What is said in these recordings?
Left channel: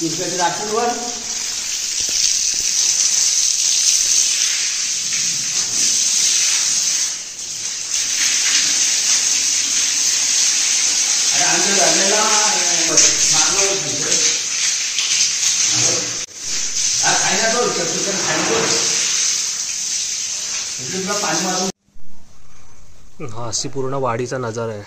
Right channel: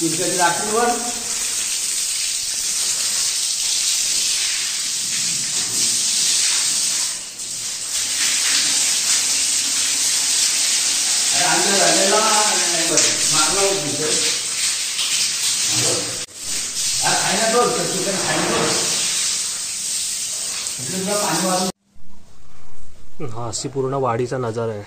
तिरकटी राखील वर आम्ही राहिलेला मागला होतो हा खायला दोन चिकन खायला पाणी मारून हा अशी पूर्ण वाडीचा नजारा आहे.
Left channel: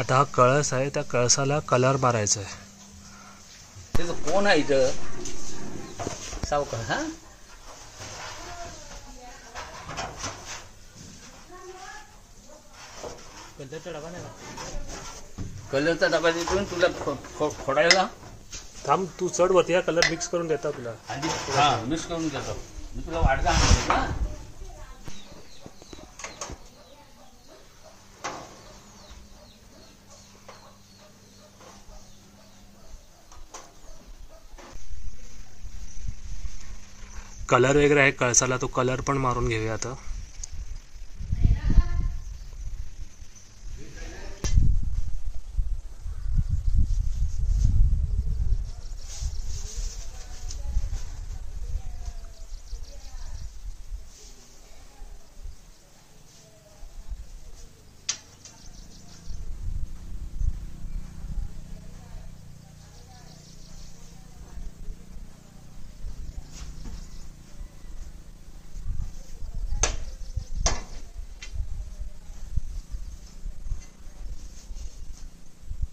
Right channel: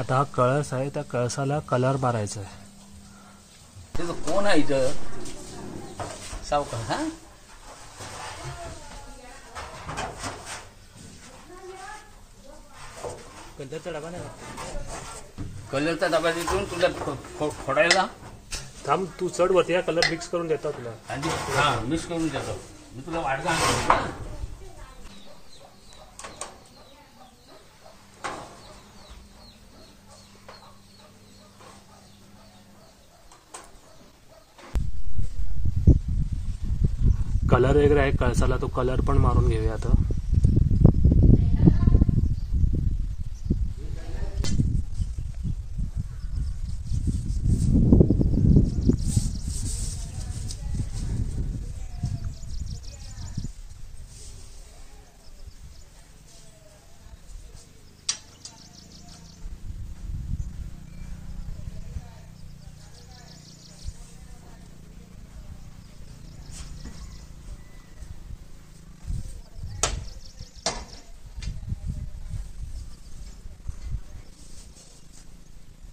आता हा कळस आहे, त्या कळसाला कलर मारायचा आहे. कोण आहे इथं सावकार? हा कलरचा डबा नाही, कलरचा डबा देतो तुला फोडायला. थांब तू चढ वरती, हा कलर मिक्स करून देता तुला. हा मिक्स करून देतो मी तुला. वाटगा आणतो. कलर वगैरे आहे कळसाला, तो कलर पण मारून घेऊया आता.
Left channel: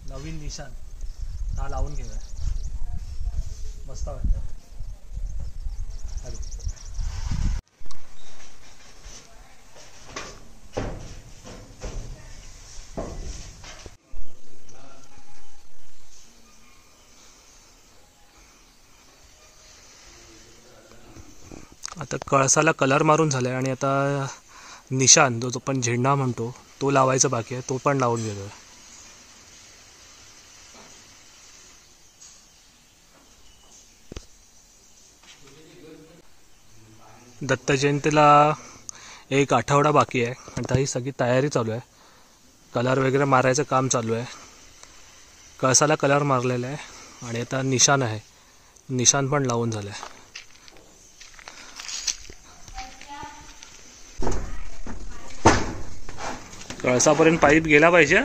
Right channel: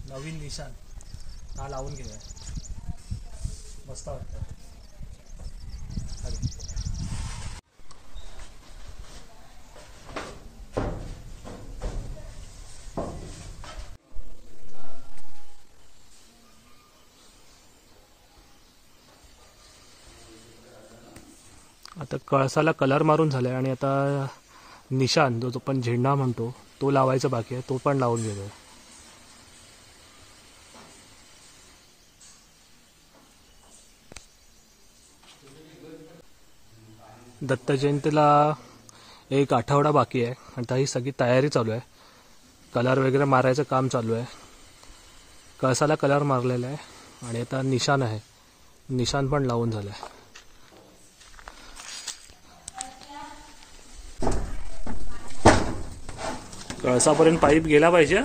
नवीन निशाण हा लावून घेऊया, मस्त वाटतं. आता कळसाला कलर मारून झालाय आणि आता निशाण जो पण झेंडा म्हणतो तो लावायचा बाकी आहे, तो पण लावून घेऊया. दत्त जयंतीला एक आठवडा बाकी आहे. आता ही सगळी तयारी चालू आहे, कलर वगैरे मारायचं काम चालू आहे. कळसाला कलर मारलेला आहे आणि आता निशाण आहे, निशाण पण लावून झालं आहे. कळसापर्यंत पाईप गेला पाहिजे.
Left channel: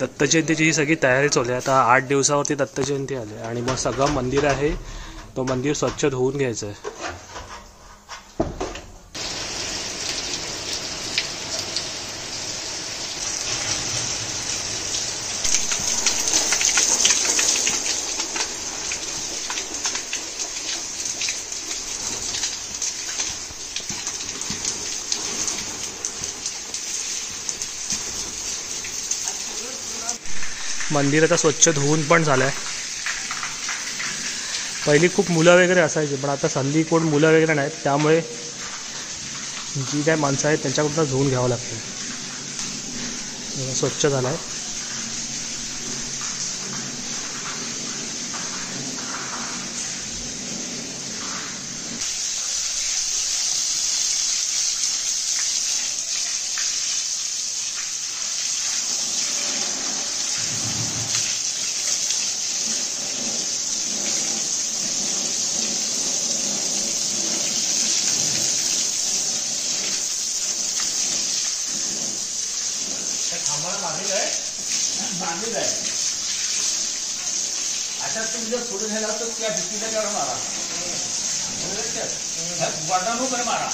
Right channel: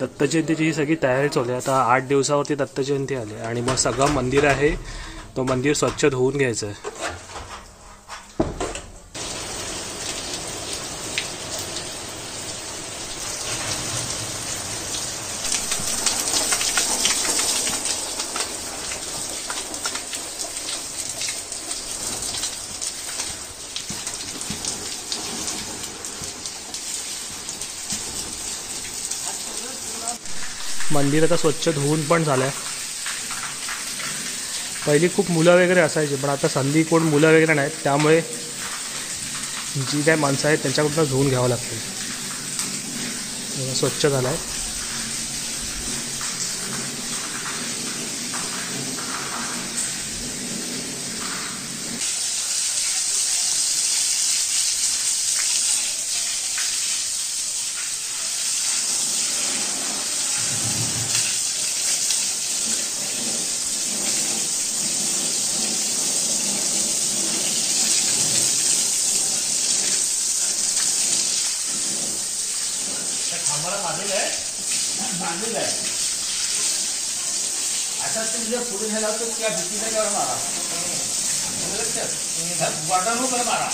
दत्त जयंतीची ही सगळी तयारी चालू आहे. आता 8 दिवसावरती दत्त जयंती आली आणि मग सगळं मंदिर आहे तो मंदिर स्वच्छ धुवून घ्यायचं आहे. मंदिर आता स्वच्छ धुवून पण झालंय. पहिली खूप मुलं वगैरे असायची, पण आता हल्ली कोण मुलं वगैरे नाहीत, त्यामुळे जी काय माणसं आहेत त्यांच्याकडून धुवून घ्यावं लागतं. स्वच्छ झालाय. बांधलेलं आहे. आता तुम्ही जर पुढे झाला तर त्या भीतीला कर मारा, वाटाणू कर मारा.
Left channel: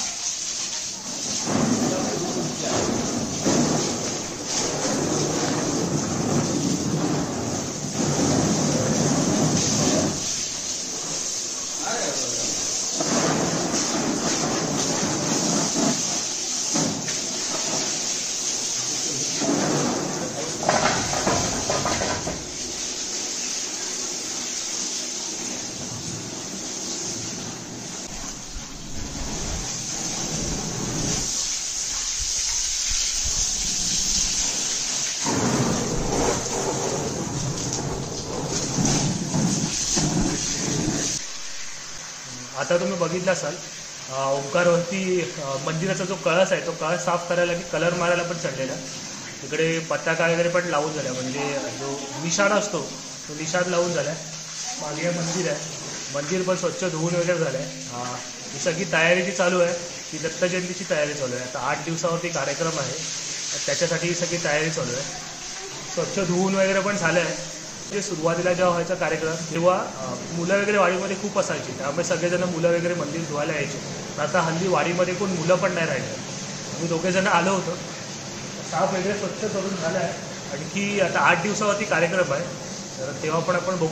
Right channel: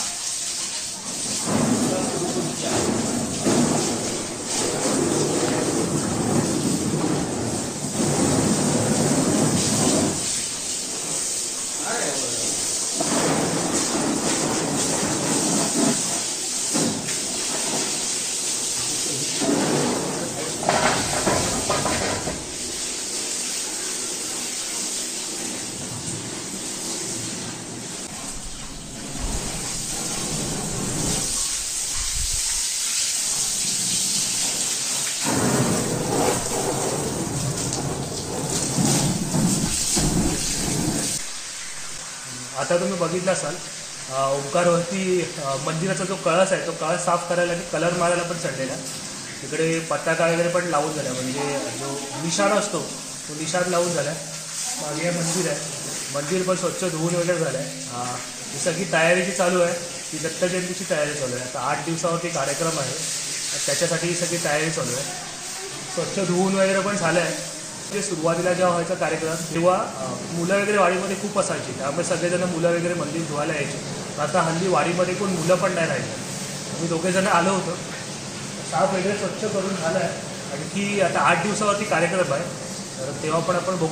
आता तुम्ही बघितलं असाल ओंकारवरती मंदिराचा जो कळस आहे तो कळस साफ करायला आणि कलर मारायला पण चढलेला. इकडे पताका वगैरे पण लावून झाला, म्हणजे जो निशाण असतो तो निशाण लावून झाला. मागे मंदिर आहे, मंदिर पण स्वच्छ धुवून वगैरे झालं आहे. ही सगळी तयारी जी चालू आहे ती दत्त जयंतीची तयारी चालू आहे. आता 8 दिवसावरती कार्यक्रम आहे, त्याच्यासाठी ही सगळी तयारी चालू आहे. स्वच्छ धुवून वगैरे पण झालं आहे. जे सुरुवातीला जेव्हा व्हायचा कार्यक्रम तेव्हा मुलं वगैरे वाडीमध्ये खूप असायची, त्यामुळे सगळेजण मुलं वगैरे मंदिर धुवायला यायचे. आता हल्ली वाडीमध्ये कोण मुलं पण नाही राहिले. आम्ही दोघेजण आलो होतो, साफ वगैरे स्वच्छ करून झालं आहे. आणखी आता 8 दिवसावरती कार्यक्रम आहे, तर तेव्हा पण आपण बघू.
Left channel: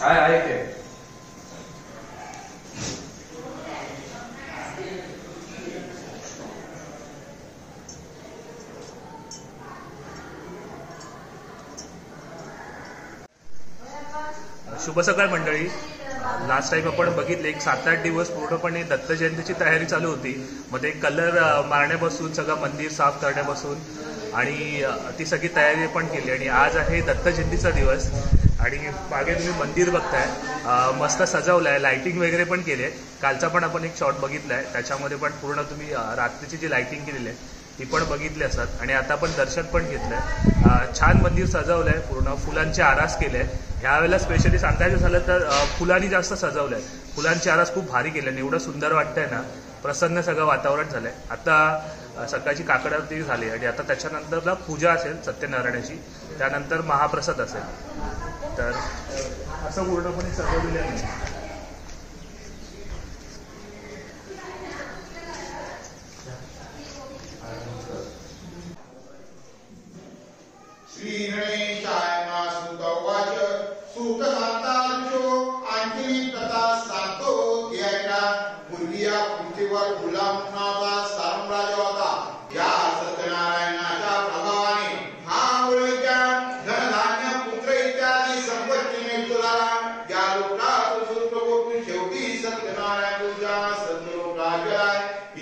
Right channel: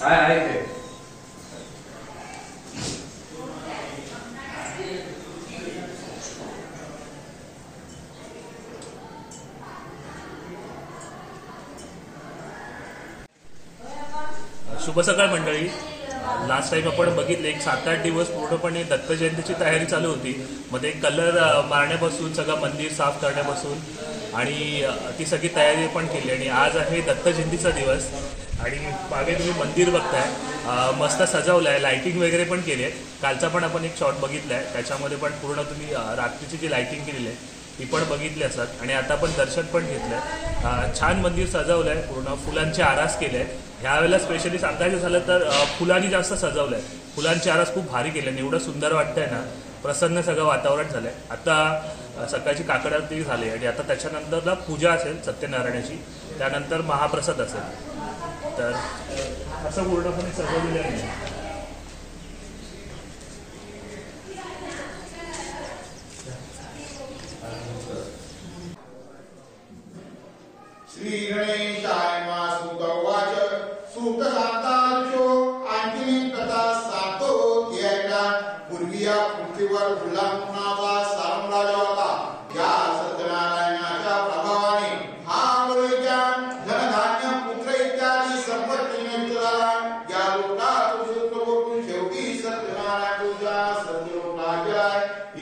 आहे ते शुभ सकाळ मंडळी. लास्ट टाइम आपण बघितले एक 7-8 दिवस पूर्णपणे दत्त जयंतीची तयारी चालू होती. मग ते कलर मारण्यापासून सगळं मंदिर साफ करण्यापासून आणि ती सगळी तयारी पण केली. आणि आज आहे दत्त जयंतीचा दिवस आणि मागे तुम्ही मंदिर बघताय मस्त सजवलं आहे, लाइटिंग वगैरे पण केली आहे. कालचा पण आपण एक शॉट बघितला आहे, त्याच्यामध्ये पण पूर्ण तुम्ही रात्रीची जी लाइटिंग केलेली आहे ती पण बघितली असतात. आणि आता पण दर्शन पण घेतलं आहे. छान मंदिर सजवलं आहे, पूर्ण फुलांचे आरास केले आहे. ह्यावेळेला स्पेशली सांगायचं झालं तर फुलांनी जास्त सजवलं आहे. फुलांचे आरास खूप भारी केले आणि एवढं सुंदर वाटतंय ना, प्रसन्न सगळं वातावरण झालं आहे. आता सकाळची काकड आरती झाली आणि आता त्याच्यानंतरला पूजा असेल सत्यनारायणाची, त्यानंतर महाप्रसाद असेल. तर असं पूर्णपणे सजवलेलं आहे. श्री गणेशाय मा सुत वाच सुत सांगताचो आणखी कथा सांगतो की ऐका. पूर्वीया पृथ्वीवर गुलाम नावाचा साम्राज्य होता. या सत्यनारायणाच्या प्रभावाने हा वळीच्या धनधान्य पुत्र इत्यादी संपत्तीने झाला. या लोकात सुखभोगून शेवटी सत्यनारायण पूजा सद्गुरू राज्य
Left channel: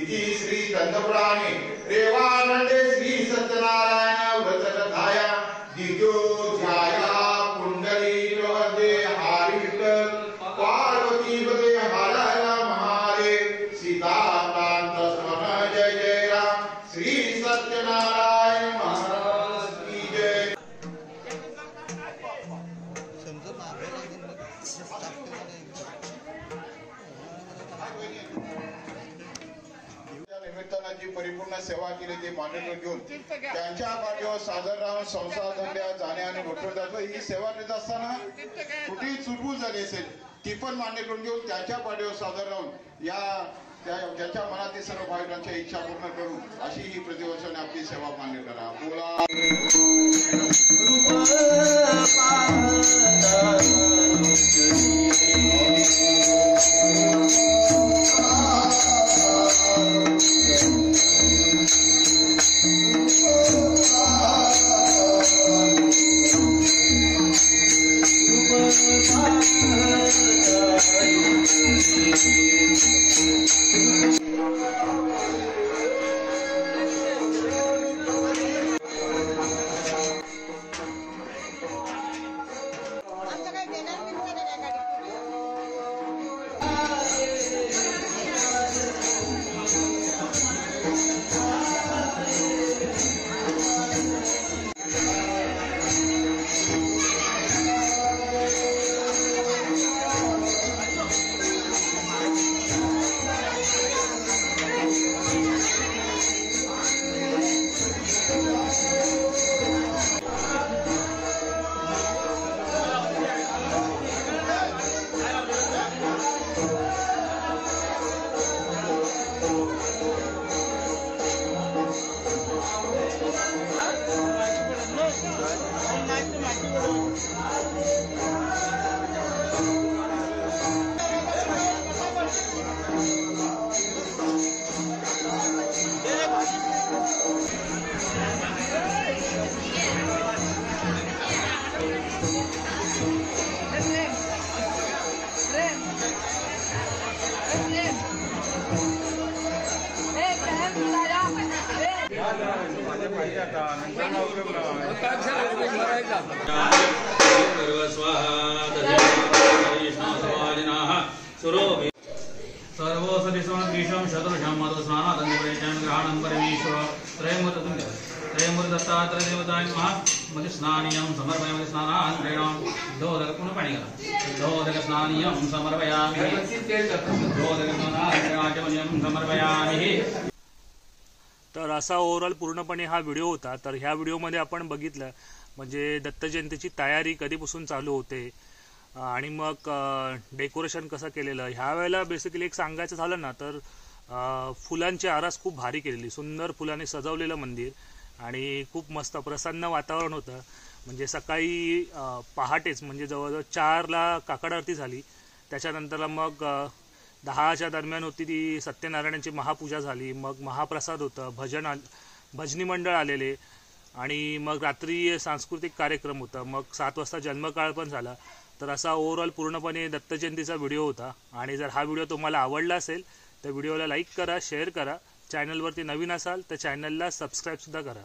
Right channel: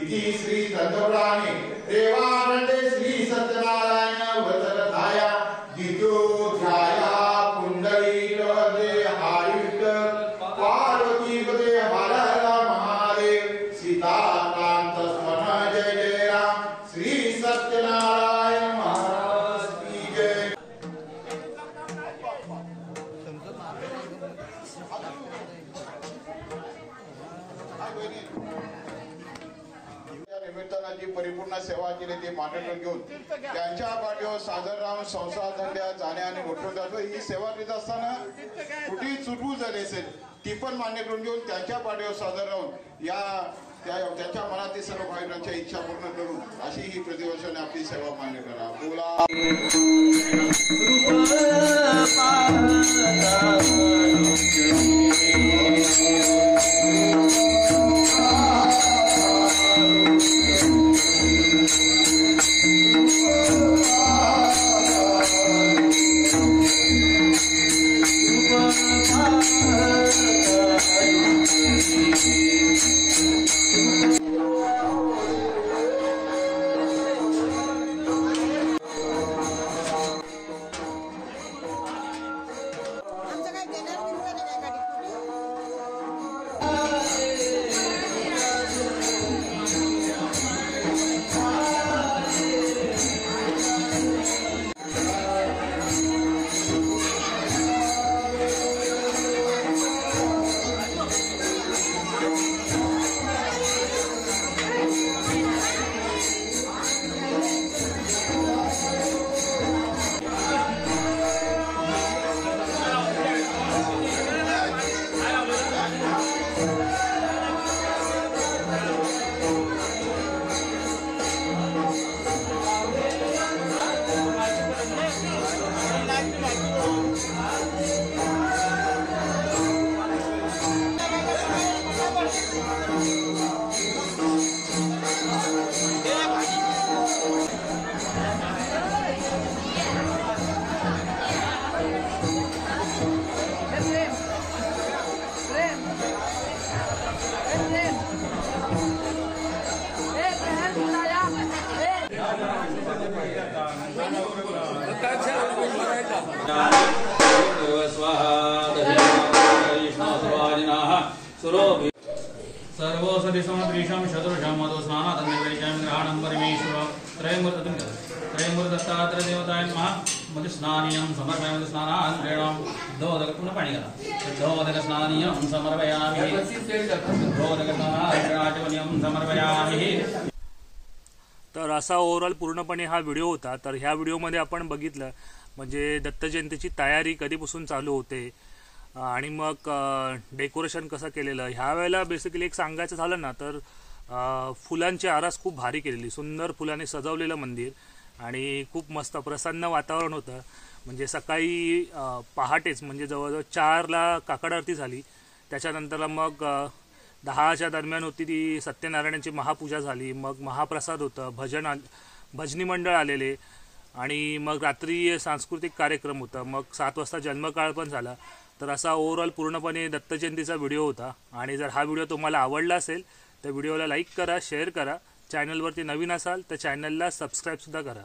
इति श्री चंद्रपुराणे रेवारंडे श्री सत्यनारायण व्रत कथाया द्वितीयोध्याया. पुंडली प्रवदे हरि विठ्ठल पार्वती पदे हर हर महादेव. सीताकांत स्मरण जय जय राम. श्री सत्यनारायण महाराज की जय. पद्धतीने ते मान्यता घेऊन त्यांच्या पाठीवर सादर राहून संसार धंद्यात जाणे आणि मोठं जातो ही सेवा करीत असताना कुठेही चुटूक झाली असेल ती पण मान्य करून घेऊन त्यांच्या पाठीवर सादर राहून त्यांच्या मनातील सर्व भाविकांच्या इच्छा पूर्ण करून अशी ही प्रतिवर्षाने आपली सेवा मान्य करा. बोला सर्वोसदिशमद्विषं शतरुषं मधुस्नानादन्यवेचं ग्रहणं परमेश्वर त्रयमूर्तदत्तात्रयदेवताय नमः. मधुस्नानीयं समर्पयामि. स्नानान्तरेण दोदकपुनः पाणी घाला. दोदकस्नानीयं समर्पयामि. दोदकस्नानान्तरेण समर्पयामि. तर असा ओव्हरऑल पूर्णपणे हा व्हिडिओ होता. तर ह्या व्हिडिओमध्ये आपण बघितलं म्हणजे दत्त जयंतीची तयारी कधीपासून चालू होते आणि मग डेकोरेशन कसं केलेलं. ह्या वेळेला बेसिकली एक सांगायचं झालं ना तर फुलांची आरास खूप भारी केलेली, सुंदर फुलांनी सजवलेलं मंदिर आणि खूप मस्त प्रसन्न वातावरण होतं. म्हणजे सकाळी पहाटेच म्हणजे जवळजवळ 4ला काकड आरती झाली. त्याच्यानंतर मग 10च्या दरम्यान होती ती सत्यनारायणाची महापूजा झाली. मग महाप्रसाद होतं, भजनी मंडळ आलेले आणि मग रात्री सांस्कृतिक कार्यक्रम होता. मग 7 वाजता जन्मकाळ पण झाला. तर असा ओव्हरऑल पूर्णपणे दत्त जयंतीचा व्हिडिओ होता. आणि जर हा व्हिडिओ तुम्हाला आवडला असेल तर व्हिडिओला लाईक करा, शेअर करा. चॅनलवरती नवीन असाल तर चॅनलला सबस्क्राईबसुद्धा करा.